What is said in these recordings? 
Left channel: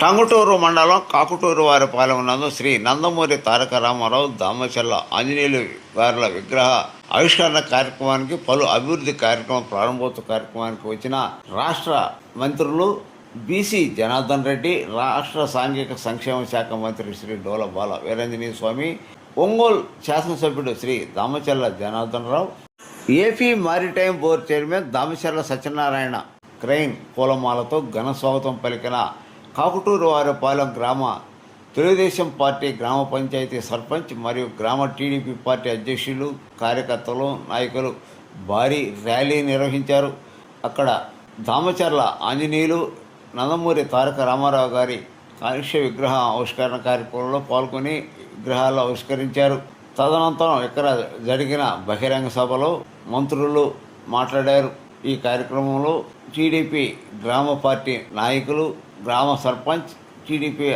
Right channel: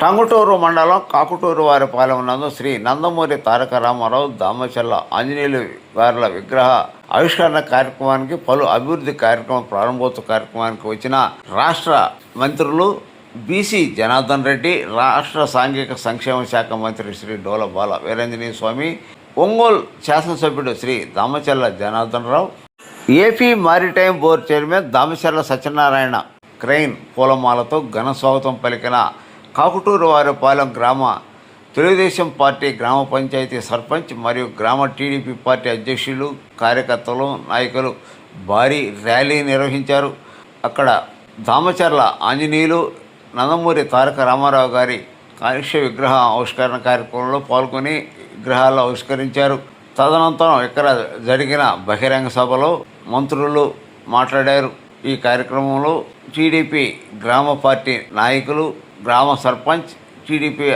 టంగుటూరు మండలం కాకుటూరు వారిపాలెం నందు శ్రీ నందమూరి తారక రామారావు దామచల్ల ఆంజనేయులు గారుల విగ్రహ ఆవిష్కరణ కార్యక్రమానికి పలు అభివృద్ధి కార్యక్రమం ప్రారంభోత్సవ కార్యక్రమానికి వచ్చిన రాష్ట్ర మంత్రులు బీసీ జనార్దన్ రెడ్డి, రాష్ట్ర సాంఘిక సంక్షేమ శాఖ మంత్రి శ్రీ డోల బాల వీరాంజనేయ స్వామి, ఒంగోలు శాసనసభ్యుడు Sri Damacharla Janardhan Rao, AP maritime board chairman Damacharla Satyanarayana crane పూలమాలతో ఘన స్వాగతం పలికిన కాకుటూరు వారిపాలెం గ్రామ తెలుగుదేశం పార్టీ గ్రామ పంచాయతీ సర్పంచ్ మరియు గ్రామ టీడీపీ పార్టీ అధ్యక్షులు, కార్యకర్తలు, నాయకులు భారీ ర్యాలీ నిర్వహించారు. అక్కడ దామచర్ల ఆంజనేయులు నందమూరి తారక రామారావు గారి కాలుష్య విగ్రహ ఆవిష్కరణ కార్యక్రమంలో పాల్గొని విగ్రహాలు ఆవిష్కరించారు. తదనంతరం ఇక్కడ జరిగిన బహిరంగ సభలో మంత్రులు మాట్లాడారు. ఈ కార్యక్రమంలో టీడీపీ గ్రామ పార్టీ నాయకులు, గ్రామ సర్పంచ్, టీడీపీ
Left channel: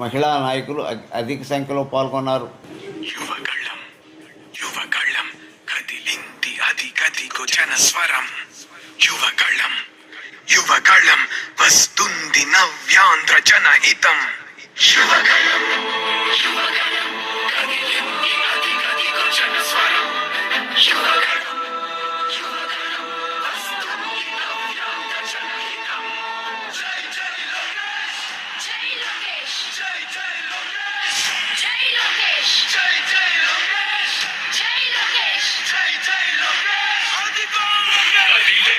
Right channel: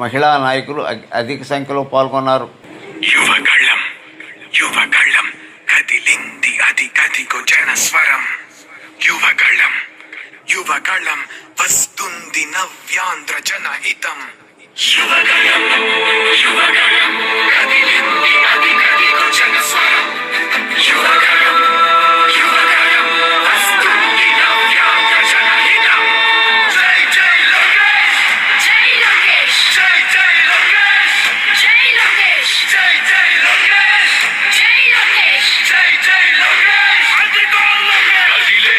మహిళా నాయకులు అధిక సంఖ్యలో పాల్గొన్నారు. యువగళం యువగళం కదిలింది అది గదిగో జనస్వరం. యువగళం యువగళం వస్తుంది నవ్యాంధ్ర జనహితం. యువగళం యువగళం కదిలింది అది గదిగో జనస్వరం. యువగళం యువగళం వస్తుంది నవ్యాంధ్ర జనహితం. జై జై లోకేష్, జై లోకేష్, జై జై లోకేష్, జై లోకేష్, జై జై లోకేష్, జై లోకేష్, జై జై లోకేష్. అదిగో లోకేష్, కదిలే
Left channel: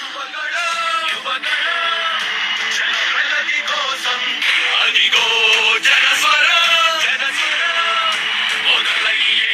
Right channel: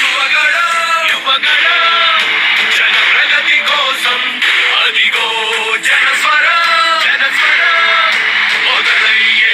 యువగళం యువగళం జన ప్రగతి కోసం. అదిగో జనస్వరం జనస్వరం మొదలయ్యే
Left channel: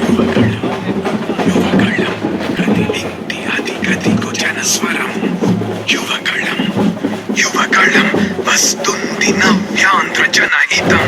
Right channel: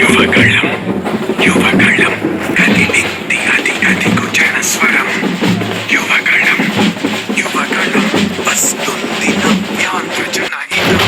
యువగళం యువగళం కదిలింది అది అదిగో జనస్వరం యువగళం యువగళం వస్తుంది నవ్యాంధ్ర జనహితం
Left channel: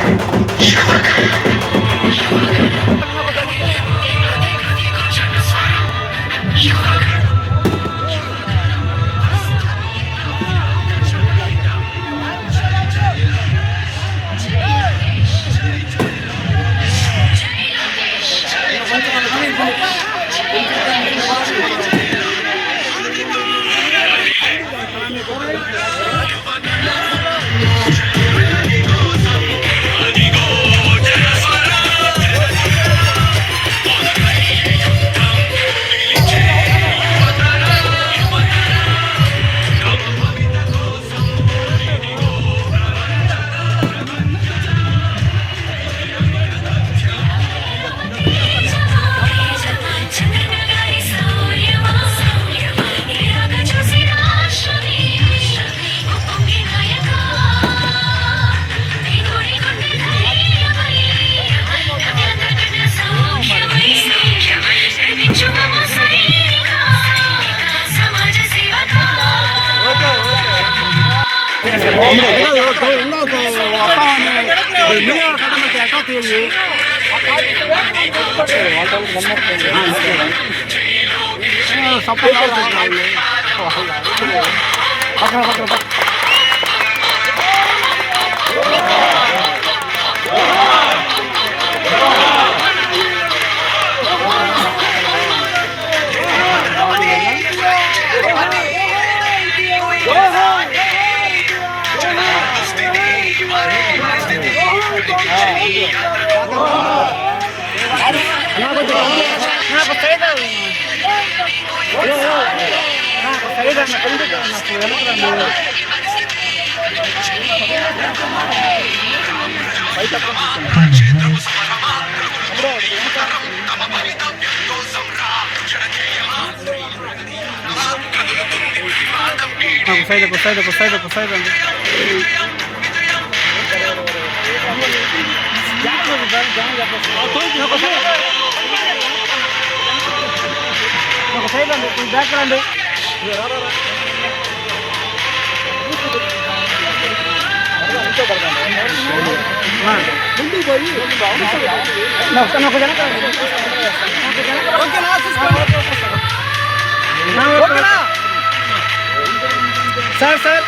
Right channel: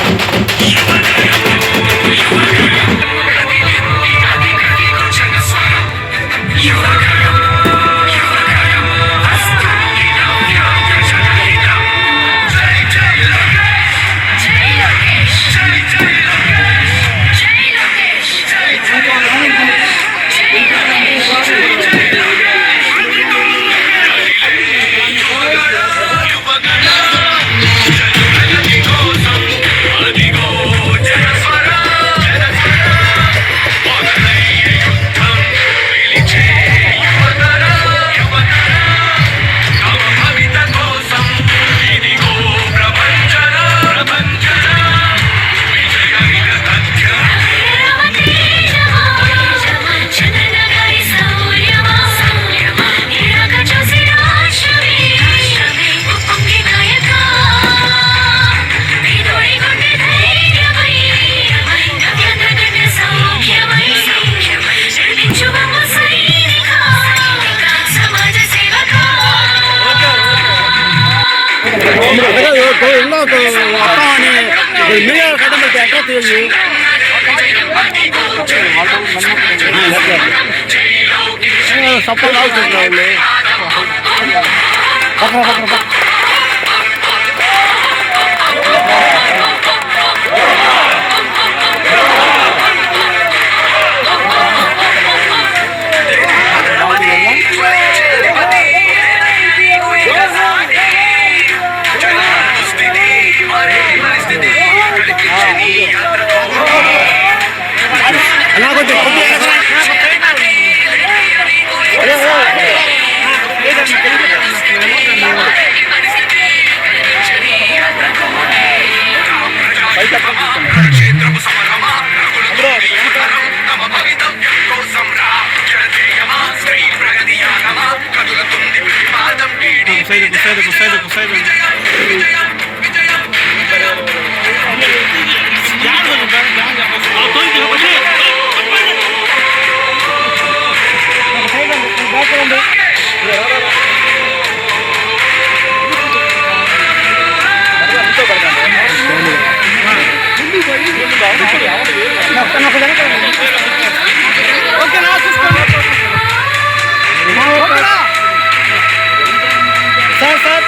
సార్ సార్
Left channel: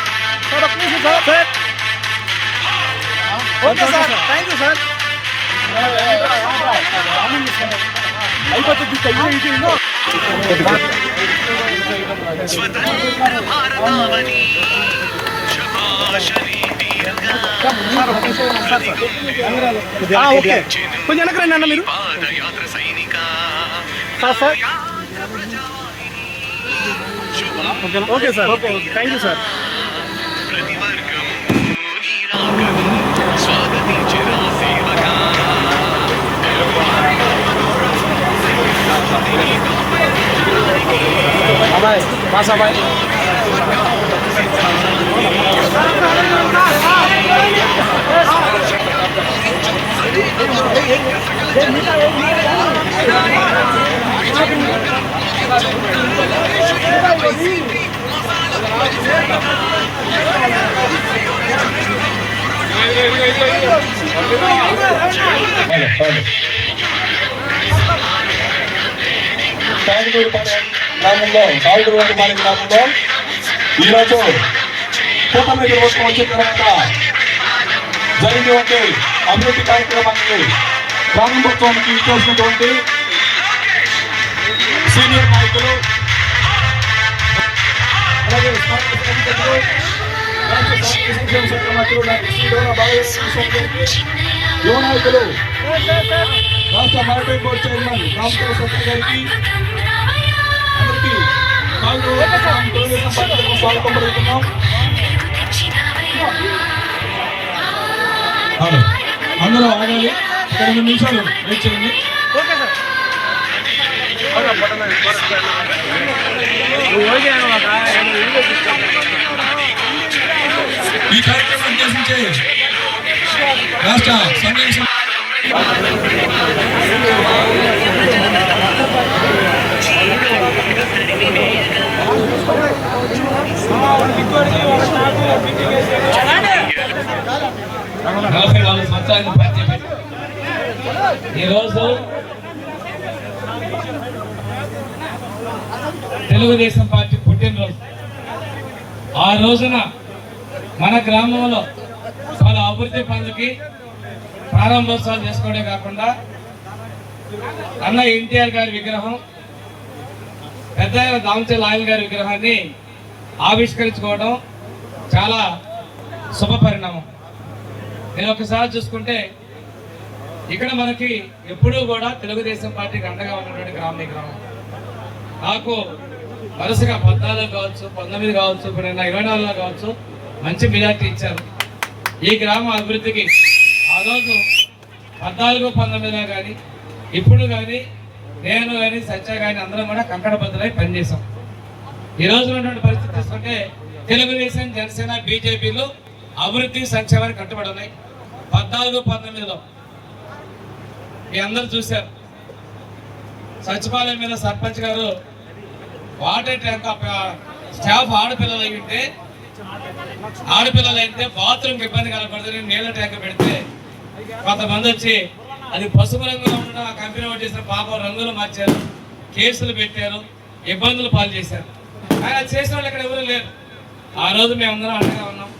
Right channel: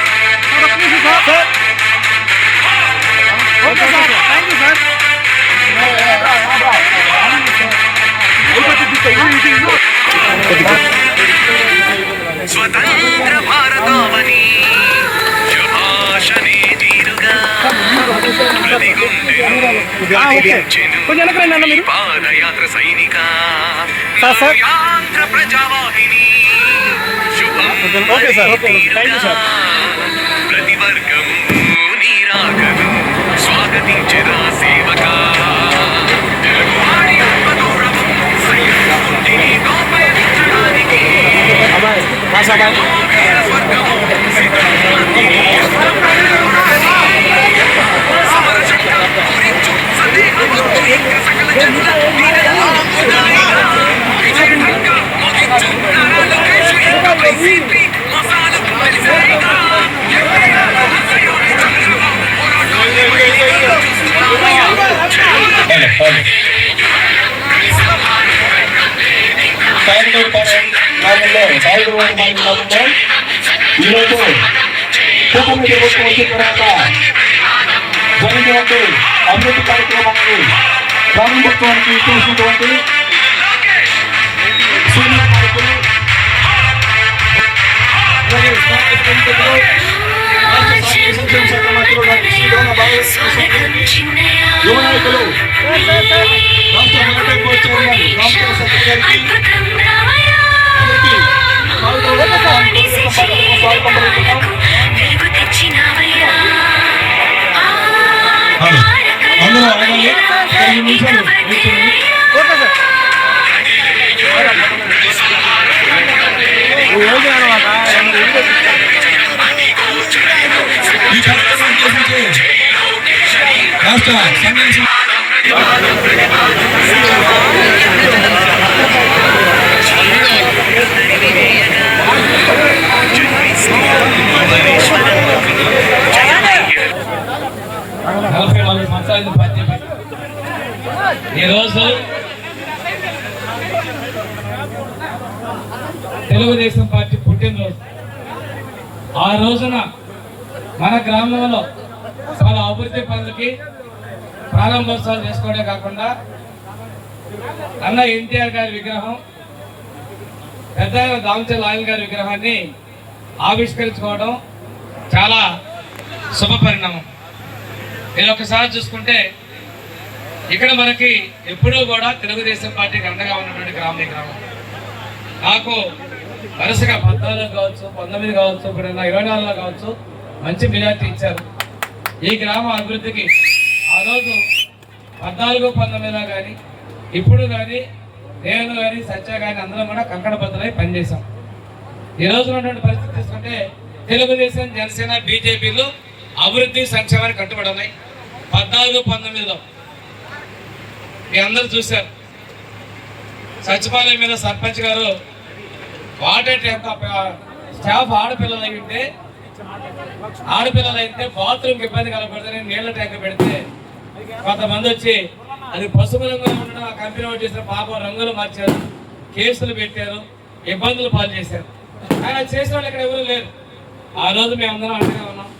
సార్ ఒక్క నిమిషం sir sir okay sir thank you sir స్వతంత్ర భారతావని శుభాషణే తీరుగా కొంచెం వెనకరండి అన్న మీరు పాదయాత్ర సైనిక సార్ సార్ యాంధ్ర ప్రజావాహిని okay sir okay thank you sir ప్రతి వర్గం నీరాగం స్వాగతించరా సేవక తెలుగువారి మనోరథం సైనికుడిని గౌరవించడానికి అబ్బాయి బాస్ అబ్బాయి ఈరోజు కూటమి ప్రభుత్వం వచ్చిన తర్వాత జరిగినటువంటి అభివృద్ధి కార్యక్రమాన్ని ప్రారంభోత్సవానికి చేసినటువంటి సీనియర్ నాయకులు అలాగే స్థానిక సంస్థలు రాష్ట్ర సాంఘిక సంక్షేమ శాఖ మంత్రులు డాక్టర్ శ్రీ డోనా యువ నాయకులు రాష్ట్ర మారిటైమ్ బోర్డు చైర్మన్ రామచంద్ర సత్య గారికి అందరికీ స్వాగతం పలుకుతున్నాం. అందరూ ఆగాలి, 9 నిమిషాలు వెయిట్ చేయండి. ఓకే ఈ కార్యక్రమం ఉద్దేశించి రాష్ట్ర సంఘం ఈరోజు తెలుగుదేశం పార్టీ పుట్టినరోజు. ఆ రోజున మన గ్రామంలో చాలా అభివృద్ధి పనులకి ప్రారంభోత్సవాలు చేసుకోవడమే కాకుండా అన్న ఎన్టీఆర్ గారి విగ్రహం, పెద్ద దామచల్ ఆయన గారి విగ్రహాన్ని ఆవిష్కరించుకోవడం చాలా శుభ పరిణామం. నేను ఒకసారి చూసుకుంటే ఇక్కడ మనకి ఎప్పుడూ కూడా తెలుగుదేశం పార్టీకి అండగా ఉన్నటువంటి గ్రామం. నాకు వరుసగా 14 కావచ్చు, 19 కావచ్చు, ఇప్పుడు 24లో కావచ్చు మంచి మెజార్టీ ఇచ్చారు. ఈ గ్రామ అభివృద్ధికి ఆ రోజు 14, 19లో కానీ ఇప్పుడు కానీ నేను కానీ సత్య కానీ అందరం కూడా కంకణబద్ధులై పనిచేశాం. ఈ రోజు ఉన్నటువంటి పరిస్థితి చూసుకుంటే తెలుగుదేశం, జనసేన, బీజేపీలు అభివృద్ధి సంక్షేమానికి కట్టుబడి ఉన్నాయి. 14, 19లో మీ అందరూ చూశారు. సచివాలయం మీద సర్పంచ్ గారు వాటర్ ట్యాంక్ స్టాఫ్ ఆడపిల్లలు అయితే బాత్రూమ్కి ఇబ్బంది కలగకూడదని నీళ్ళ ట్యాంక్ పెడితే కొంతమంది వచ్చి అది పసుపు రంగులో ఉన్న కంపెనీ చేసిన పాపం రంగులు మార్చారు, కేసులు పెట్టారు, ఇబ్బందులు పాలు చేశారు. ఆయన చేసిన వాళ్ళు ఇక్కడ ఎవరు లేరు. ఆ రోజు మేమందరం అండగా ఉన్నాం.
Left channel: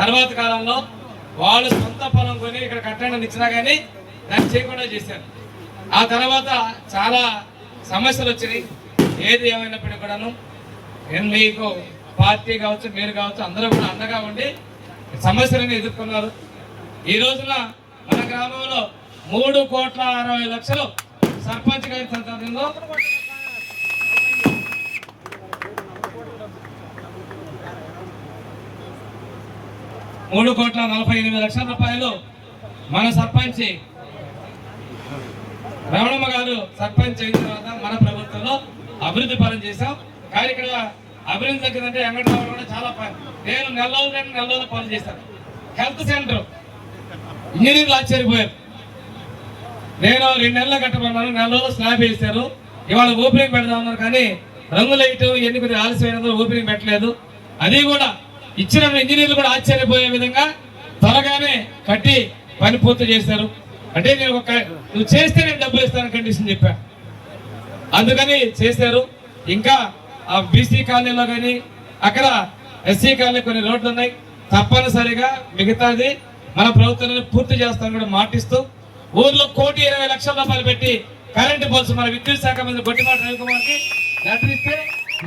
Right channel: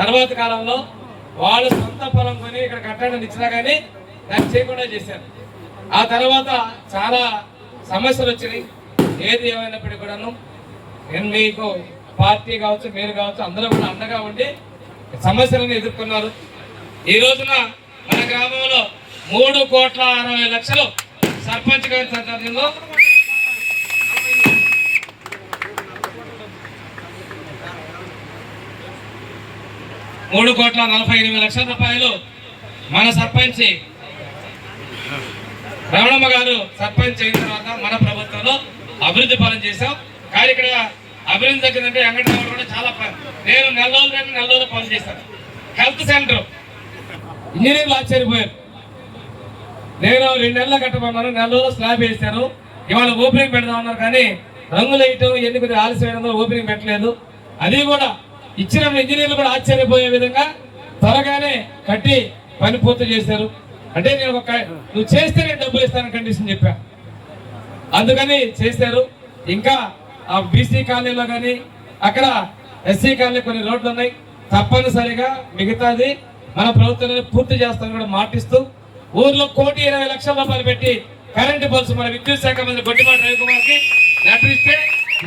తర్వాత కాలంలో వాళ్ళు సొంత పొలం కొని ఇక్కడ కట్టడానికి ఇచ్చినా కానీ దాన్ని చేయకుండా చేశారు. ఆ తర్వాత చాలా సమస్యలు వచ్చినాయి. ఏది ఏమైనప్పటికీ కూడాను మీకు పార్టీ కావచ్చు, మీరు కావచ్చు, అందరూ కూడా అండగా ఉండి సమస్యలను ఎదుర్కొన్నారు. ఈ రోజున మన గ్రామంలో 3,60,00,000 సర్పంచ్ గారి సందర్భంలో ₹3,48,00,000 మన సర్పంచ్ రమణమ్మ గారు సర్పంచ్ అయిన తర్వాత మన ప్రభుత్వంలో అభివృద్ధి పనులు చేశాం. కానీ ఇక్కడ అభివృద్ధి తగ్గిందంటే వెంకటరావు కూడా చాలా నేను నెల రోజులు పనులు చేశాను. హెల్త్ సెంటర్ ఇంజనీర్లు ఆశ్చర్యపోయారు. నేను 2 నెలలు కట్టమన్నాను, 4 రోజులు స్లాబ్ వేశారు. ఇవాళ ఓపెనింగ్ పెడదామన్నారు కానీ రంగులు వేయటం ఎన్ని కొద్దిగా ఆలస్యమైనదో ఓపెనింగ్ పెట్టలేదు. అది కూడా ఇచ్చిన ఇంజనీర్లు కూడా ఆశ్చర్యపోయే విధంగా త్వరగానే కట్టి పని పూర్తి చేశారు. అంటే నేను నువ్వు చేస్తే నేను డబ్బులు ఇస్తాను కండిషన్ చెప్పా, అందుకని చేశారు. ఇంకా ఆ బీసీ కాలనీలో కానీ అక్కడ ఎస్సీ కాలనీ కొన్ని రోడ్లు ఉన్నాయి, తప్పనిసరిగా మిగతాది మన ప్రభుత్వంలో పూర్తి చేస్తాను కూడా మాటిస్తూ ఊర్లో ₹1,20,00,000 పెట్టి కరెంటు బల్స్ మన విద్యుత్ శాఖ మంత్రి గొట్టిపాటి రవికుమార్కి లెటర్ ఇస్తే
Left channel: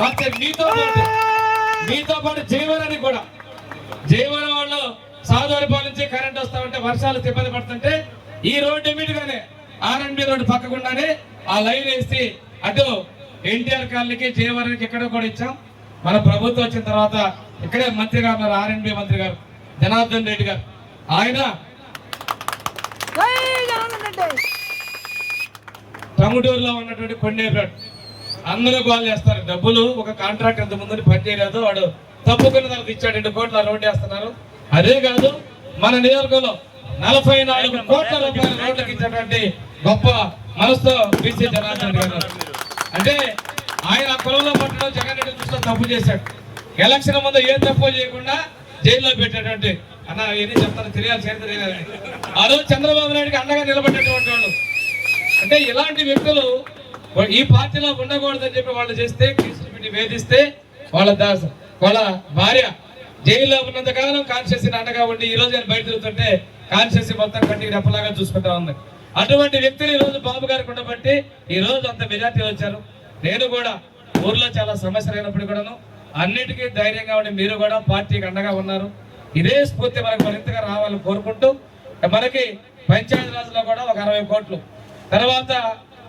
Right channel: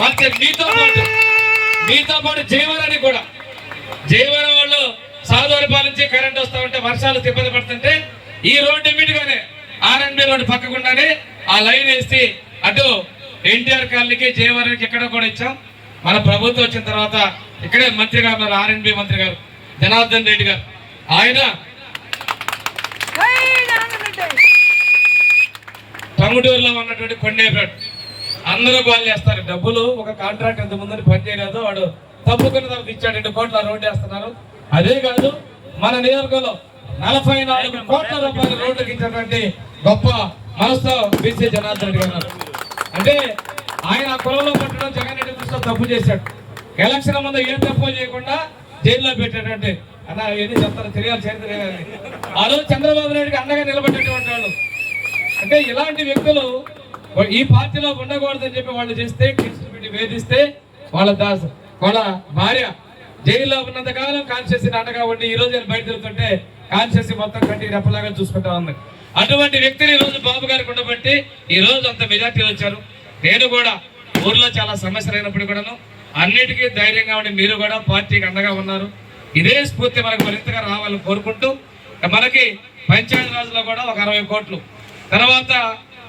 మాకు మీతో పాటు జయవరానికి కూడా జయవరం వాళ్ళు సాధువారిపాలెం నుంచి కరెంట్ వస్తా ఉంటే వర్షాలు ఇబ్బంది పడుతుంటే ఈ రోడ్డు ఇమ్మీడియట్గానే R&B రోడ్డు పక్కకుండానే ఆ లైన్ వేసి అటు ఎన్టీఆర్ కాలనీకి జయవరానికి ఎక్కడ కూడా ఇచ్చాం. మన ప్రభుత్వం వచ్చిన తర్వాత ఇక్కడే మంత్రి గారు ఉన్నారు, R&B మంత్రి గారు జనార్దన్ రెడ్డి గారు. ఆయన టంగుటూరులో ఉన్నటువంటి కొండేపేట అందరూ కాల్ చేస్తారు. డబ్బులు ఒక కాంట్రాక్ట్ ఇంత ముందు పని చేయలేదు, వాడు తప్పుకున్న తర్వాత ఇచ్చాడు, 2 కోట్ల రోడ్డు వేస్తున్నారు. అదే కాదు మన నియోజకవర్గంలో 44 కోట్ల రూపాయల రోడ్లకు ఇచ్చినటువంటి గొప్ప మనసుతో బీసీ జనార్దన్ రెడ్డి గారు. అంటే ఆయన కులంలో పట్టడం జగన్ రెడ్డి దృష్టిలో తప్పు చేశాడు. ఎలక్షన్ ముందు ఏ తప్పు చేయకుండా జైల్లో పెట్టేటువంటి అన్న ఏది చెప్తారో తెలియాలి, చరిత్ర ఆ రోజు చంద్రబాబు నాయుడికి అండగా నిలబడేటువంటి వాళ్ళు. అంటే ఇలాంటి వ్యక్తులు ఈ పార్టీలో ఉండకూడదని చెప్పి వాళ్ళు చేస్తే కేసులు పెట్టి వేధిస్తే వాళ్ళ భార్య జైల్లో ఉన్నంత కాలం కాన్షియస్ అండగా ఉండి ఈ రోజు నేను బయట తిరుగుతుంటే కాన్షియస్ మొత్తం కట్టి రెప్పలాగా చూసుకుంటా ఉంది. అటువంటి వ్యక్తులు ఈ రోజు బాబు గారికి ఉండబట్టి ఈ రోజు అంత మెజార్టీ వచ్చారు. నేను కూడా ఊర్లో చాలా సమస్యలు అయినప్పుడు కూడాను అన్నిటికీ ధైర్యంగా ఉండి మీరు కూడా పార్టీకి అండగా ఉన్నారు. ఇదే స్ఫూర్తి మనకు మరింతగా రావాలని కోరుకుంటూ మనకి పంచాయతీ రాజులో కూడా ఒక 60 కోట్లు, తర్వాత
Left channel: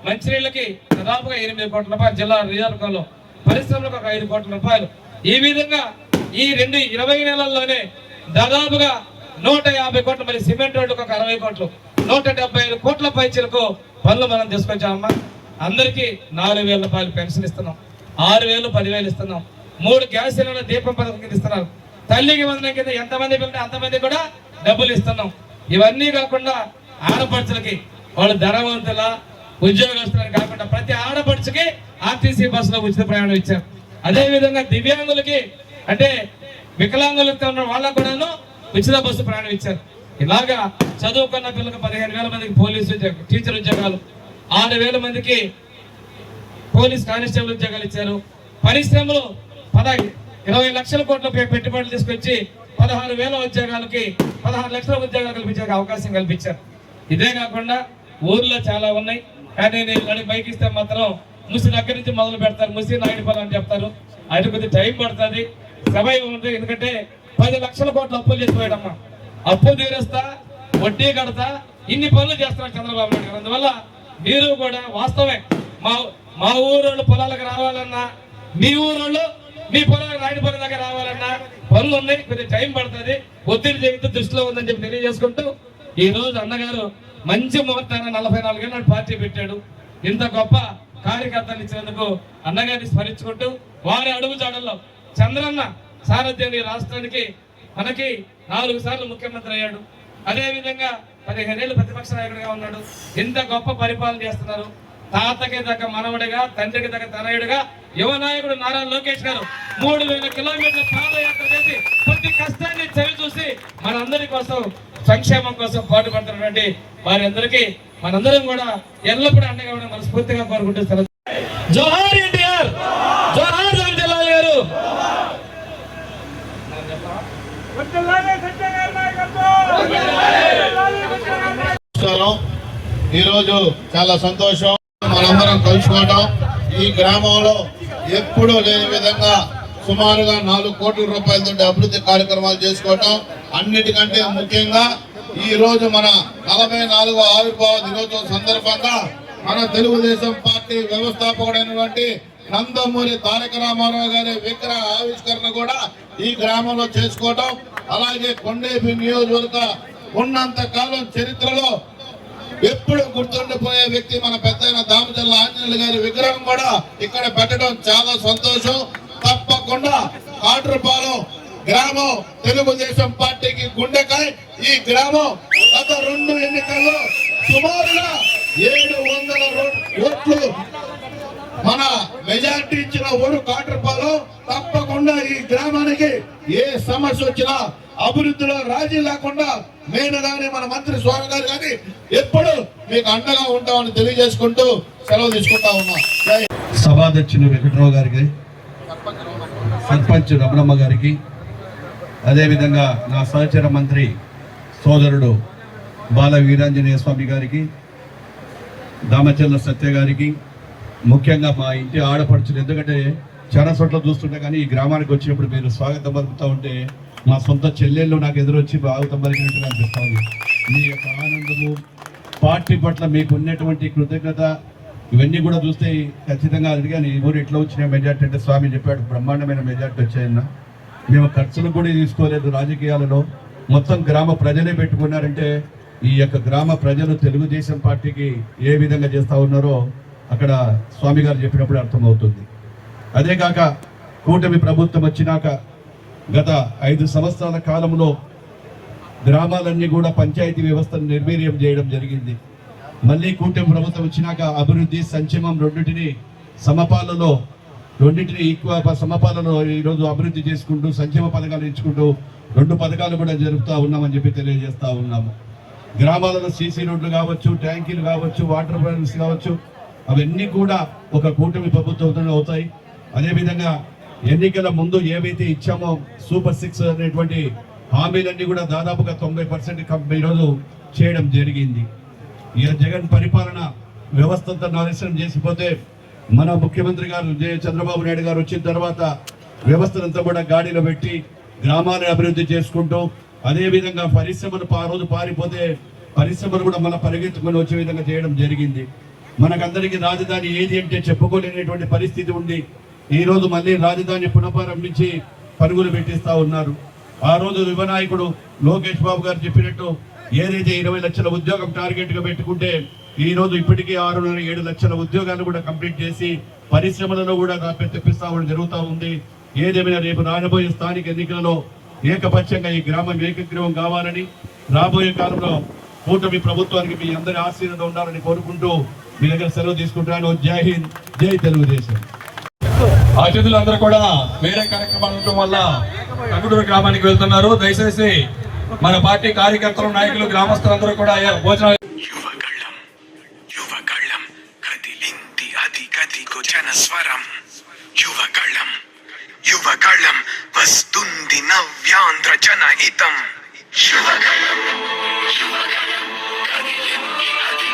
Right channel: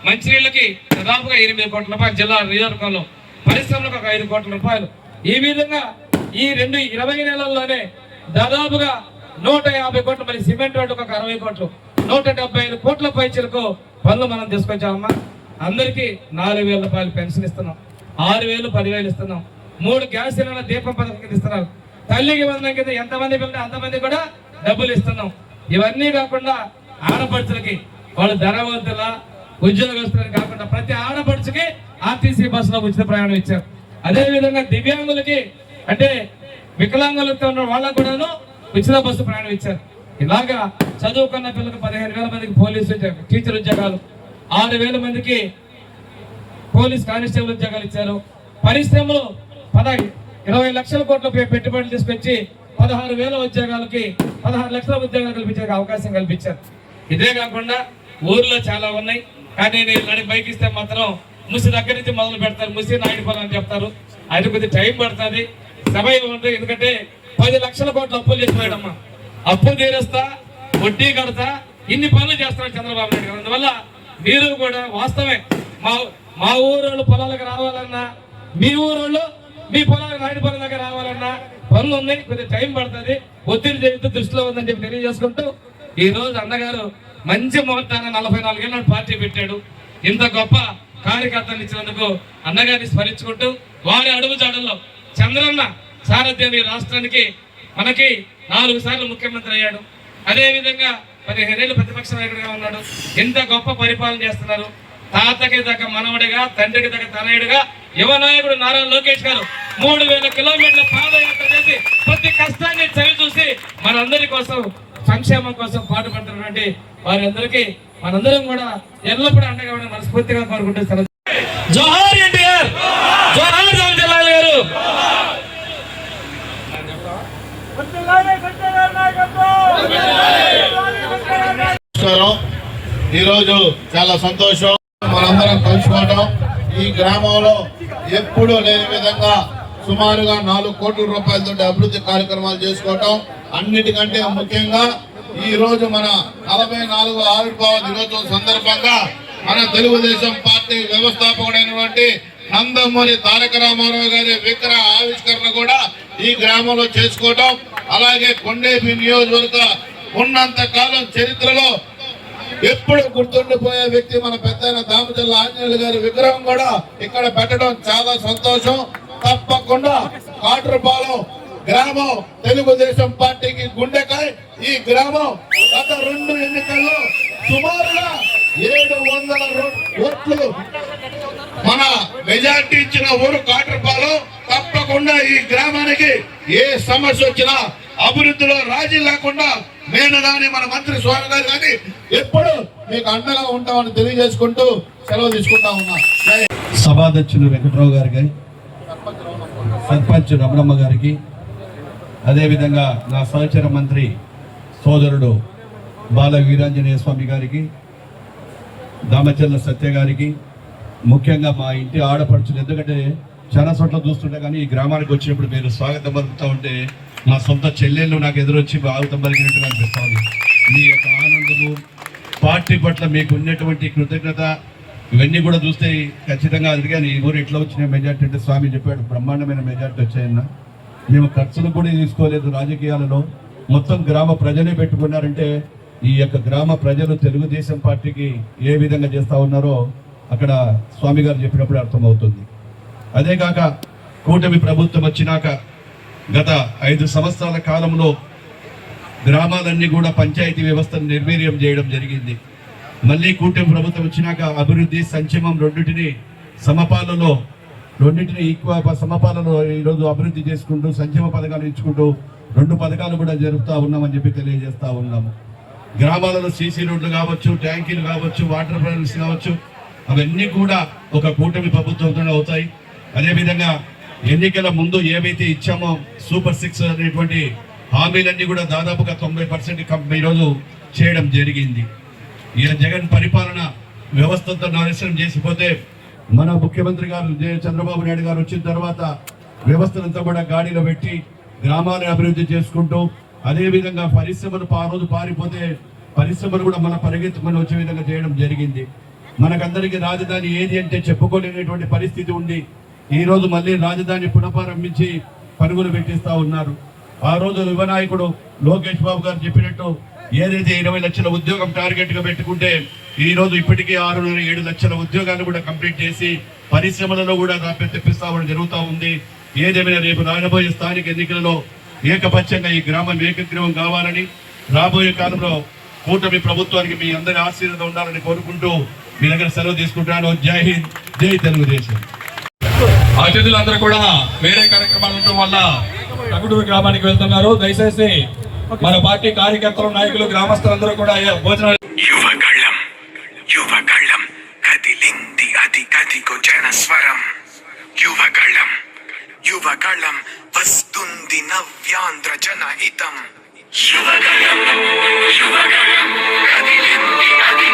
మంచినీళ్ళకి దాదాపుగా 8 కోట్ల రూపాయలు, జిల్లా నియోజకవర్గంలో పరిశ్రమలకు ఒక 5 కోట్ల రూపాయలు. ఈ విధంగా ఈ 20 నెలల్లోనే దాదాపుగా 150 కోట్లు, మరి సిమెంట్ రోడ్డుకు ఒక 60 కోట్లు, 175 కోట్ల పైచలకు పనులు మనం తీసుకొచ్చామమ్మా. అందరికీ 4,000 రూపాయలు పెన్షన్ ఇస్తున్నాం, 6,000, 10,000 ఇస్తున్నాం, 3 గ్యాస్ సిలిండర్ దీపం పథకం కింద ఇస్తున్నారు. తల్లికి వందనం కింద ఎంతమంది పిల్లలు అంతమంది కూడా డబ్బులు ఇస్తున్నాం. ఇవన్నీ కాకుండా ఆడపడుచులకి వాళ్ళు ధనవంతుల ఉద్యోగస్తులని కాకుండా ప్రతి ఆడపడుచుకి ఆర్టీసీ బస్సులో ఉచిత ప్రయాణం ఇచ్చారు. అదే విధంగా దివ్యాంగులకి అంటే వికలాంగులతో ఉన్న వాళ్ళకు కూడాను ఉచిత బస్సు ప్రయాణం ఇచ్చారు. ఇలాగా చదువుకున్న పిల్లలకు 15,000 మందికి పోలీసు టీచర్ ఉద్యోగాలు, 6,000 మందికి పోలీస్ కానిస్టేబుల్ ఉద్యోగాలు ఇచ్చారు. పరిశ్రమలు 20 లక్షల కోట్ల పెట్టుబడులు తీసుకొచ్చి 16,000 ఉద్యోగాలకి 16 లక్షల ఉద్యోగాలు కల్పించే అవకాశం కల్పించారు. ఇదే కాకుండా ఊర్లో చాలా ఉన్నాయి, కానీ నేను నడికి బైక్ ఇస్తే మాత్రం ముసి దగ్గర నుంచి మొదలు పెడతారు, ముసి నాయుడు పొలం అని చెప్తారు. అది కొద్దిగా టైం పడుతుంది, సమయం ఉంటుంది. ఎందుకంటే 10 లక్షల కోట్ల అప్పులు చేస్తున్నాడమ్మా. అప్పు తీరుస్తా, వడ్డీ కడతా, ఇన్ని పనులు చేస్తున్నాడు చంద్రబాబు నాయుడు గారు. అందువల్ల మీరు కూడా వాస్తవమే మా ఊరోళ్ళు పొలాలకు రావాలన్నా, మీ ఊరోళ్ళు మీ పొలాలు నాయుడు పొలం దగ్గర రావాలన్నా పనులు ఉన్నాయి, కొద్దిగా టైం పడుతుంది, ఒత్తిడి చేయంతో దృష్టిలో ఉందని చెప్పి తెలియజేసుకుంటూ ఈ రోజు అన్నగారు మంచి ముహూర్తాన 44 ఏళ్ళ పార్టీ పెట్టాడు. ఇంత గొప్ప కార్యకర్తలు ఇచ్చినందుకు అన్నగారిని స్మరించుకుంటూ వారి అడుగు జాడల్లో చంద్రన్న సారథ్యం ఈ రాష్ట్రానికి మనకి 4 సార్లు ముఖ్యమంత్రి అయ్యాడు. అదే విధంగా 15 ఏళ్ళు ప్రతిపక్ష నాయకుడిగా ఉన్నాడు. ఇంత గొప్ప పరిపాలన చేస్తున్నారు. తాతకి దగ్గర మనవడిగా, తండ్రికి దగ్గర తనయుడిగా యువ నాయకుడు నారా లోకేష్ గారు 3,000 కిలోమీటర్ల పాదయాత్ర చేసి ప్రతి కష్టాన్ని చవి చూసి మనందరి కోసం సంక్షేమం కోసం పాటుపడుతున్నటువంటి వారందరికీ మనందరం కూడా ఎల్లప్పుడూ అండగా ఉండాలని మనస్ఫూర్తిగా కోరుకుంటున్నారు. జోహార్ ఎన్టీఆర్, జోహార్ రామచంద్రరావు గారు. నమస్కారం. ఈరోజు చాలా సంతోషం మనందరం కలుసుకోవడం. ఈ గ్రామంలో ఎప్పుడూ లేని విధంగా సుమారుగా 4 కోట్ల రూపాయలతో అభివృద్ధి కార్యక్రమాలు చేసుకోవటం, అన్నిటికంటే ముఖ్యంగా ఈ రోజు మన 44వ ఆవిర్భావ దినోత్సవం సందర్భంగా మన తెలుగుదేశం పార్టీ వ్యవస్థాపకుడైనటువంటి నందమూరి తారక రామారావు గారి విగ్రహ ఆవిష్కరణ కూడా ఈ గ్రామంలో చేసుకోవటం, అలాగే కొండేపి నియోజకవర్గ ఉన్నంత కాలం చరిత్రలో ఎప్పుడు గుర్తుండిపోయే వ్యక్తి మన పెద్దయిన దామచర్ల ఆంజనేయులు గారి విగ్రహం కూడా ఇక్కడ పెట్టడం చాలా సంతోషం. తప్పకుండా కాట్రపాలెం గ్రామం తెలుగుదేశం పార్టీకి గుండెకాయ. ఈ గ్రామం గత 2 ఎన్నికల్లో సుమారుగా 700 ఓట్లు మన మెజార్టీ ఇచ్చిన ఊరు కాట్రపాలెం. తప్పకుండా ఈ గ్రామానికి ఏ సమస్య వచ్చినా అభివృద్ధిలో రాజీ లేకుండా నేను కానీ మన మంత్రి స్వామి గారు కానీ ఎప్పుడు మీకు అండగా ఉంటామని తెలియజేసుకుంటూ సెలవు తీసుకుంటా ఉన్నా. సభాధ్యక్షులు వెంకటరావు గారికి, సర్పంచ్ రమణమ్మ గారికి, అదేవిధంగా నా సహచర మంత్రి సోదరుడు బాల వీరాంజనేయ స్వామి గారికి, దామచర్ల సత్య గారికి, ముఖ్యంగా మా ఇంటి ఆడపడుచులు. ఎందుకంటే చాలా చోట్ల చూస్తుంటే కానీ ఈ గ్రామానికి వచ్చినప్పుడు మీరు స్వాగతం పలుకుతూ ఉంటే మా సొంత చెల్లెళ్ళు నాకు ఎదురొచ్చి స్వాగతం పలికినట్టుగా అనిపిస్తూ ఉంది. మీ యొక్క ఆనందము, పార్టీ పట్ల మీకు ఉన్నటువంటి కృతజ్ఞత, ఇవన్నీ కూడా చూస్తే ఖచ్చితంగా అడిగాను ఈ ఊరు ఎట్లా వచ్చిన మెజార్టీ అంటే స్వామి చెప్పాడు బ్రహ్మాండమైన మెజార్టీ వచ్చాయన్న. మేము ఖర్చులు కూడా తీసుకోలేదు రాజకీయాలలో, మొత్తం గ్రామ ప్రజలే పెట్టుకున్నారంటే ఈ యొక్క గ్రామ ప్రజలు తెలుగుదేశం పార్టీకి ఏ విధంగా చేస్తూ ఉన్నారో అక్కడ స్వామి గారు చెప్పినప్పుడు అర్థమవుతుంది. అదే కాక కూటమి ప్రభుత్వం వచ్చినాక గత 5 సంవత్సరాల కాలంలో గ్రామాలన్నీ కూడా పంచాయతీ వ్యవస్థను నిర్వీర్యం చేయడం జరిగింది. మళ్ళీ కూటమి ప్రభుత్వం వచ్చినాక అభివృద్ధి, సంక్షేమం రెండింటిని సమపాలలో ఈరోజు అభివృద్ధి చేసుకుంటూ సంక్షేమ పథకాలు ఇచ్చుకుంటూ 2 పథకాలు కూడా జరుపుతూ ఉన్నామని చెప్పి తెలియజేస్తూ ఉన్నాము. గ్రామాలలో సీసీ రోడ్లు కావచ్చు, ట్యాంకీలు కావచ్చు, వాటర్ ప్లాంట్స్ కావచ్చు, అవన్నీ కూడా ఒక కూటమి ప్రభుత్వంతో అవుతాయి. అదేవిధంగా ఎన్నికల ముందు ఏవైతే ఇచ్చామో సూపర్ 6 అనేటువంటి హామీలన్నీ కూడా దాదాపుగా 90% ఈరోజు చేయడం జరిగింది. ఈ జగన్ పరిపాలన వ్యవస్థతో నాశనం చేసిపోతే మన ముఖ్యమంత్రి గారు చంద్రబాబు నాయుడు గారు వచ్చిన తర్వాత వ్యవస్థనంతా కూడా గాడిలో పెట్టి గ్రామాలను అభివృద్ధి చేసుకుంటూ, అదేవిధంగా పరిశ్రమలు ఆ రోజు పారిపోతే పరిశ్రమలు కూడా మన పరిగెత్తుకొని వచ్చే విధంగా చేయడం జరిగింది. మనకందరికీ రాజధాని ఏది అంటే చెప్పుకోలేనటువంటి పరిస్థితి ఉంది. ఈ రోజు మళ్ళీ రాజధాని పునఃప్రారంభించి పరుగులు పెట్టిస్తా ఉన్నారు. ఆ రోజు యువ నాయకుడు లోకేష్ బాబు గారు చెప్పినట్టు ఏదైతే 20 లక్షల ఉద్యోగం టార్గెట్ గా పెట్టుకుంటే ఈ రోజు ఇప్పటికే 6.7 లక్షల ఉద్యోగాలు కూడా కంప్లీట్ చేసి పరిశ్రమలలో కూడా తెప్పిస్తామని జరుగుతూ ఉంది. ఏదేమైనా రేపు రాబోయే స్థానిక ఎన్నికలలో ఏకపక్షంగా ఈ గ్రామం ఏకగ్రీవం కావాలని, రాబోయే కాలంలో కూటమి ప్రభుత్వానికి మీ అందరి ఆశీర్వాదం ఉండాలని కోరుకుంటూ మీ దగ్గర సెలవు తీసుకుంటాను. జై హింద్, జై తెలుగుదేశం. అతిథులందరూ కూడా వేరే కార్యక్రమాలు ఉండటం వల్ల తగుడూరు గ్రామానికి వెళ్తున్నారు. దయచేసి మన పార్టీ కార్యకర్తలు, నాయకులు, గ్రామస్తులందరూ కూడా భోజనాలు. యువగళం యువగళం కదిలింది అది కదిగో జనస్వరం. యువగళం యువగళం వస్తుంది నవ్యాంధ్ర జనహితం. యువగళం యువగళం కదిలింది అది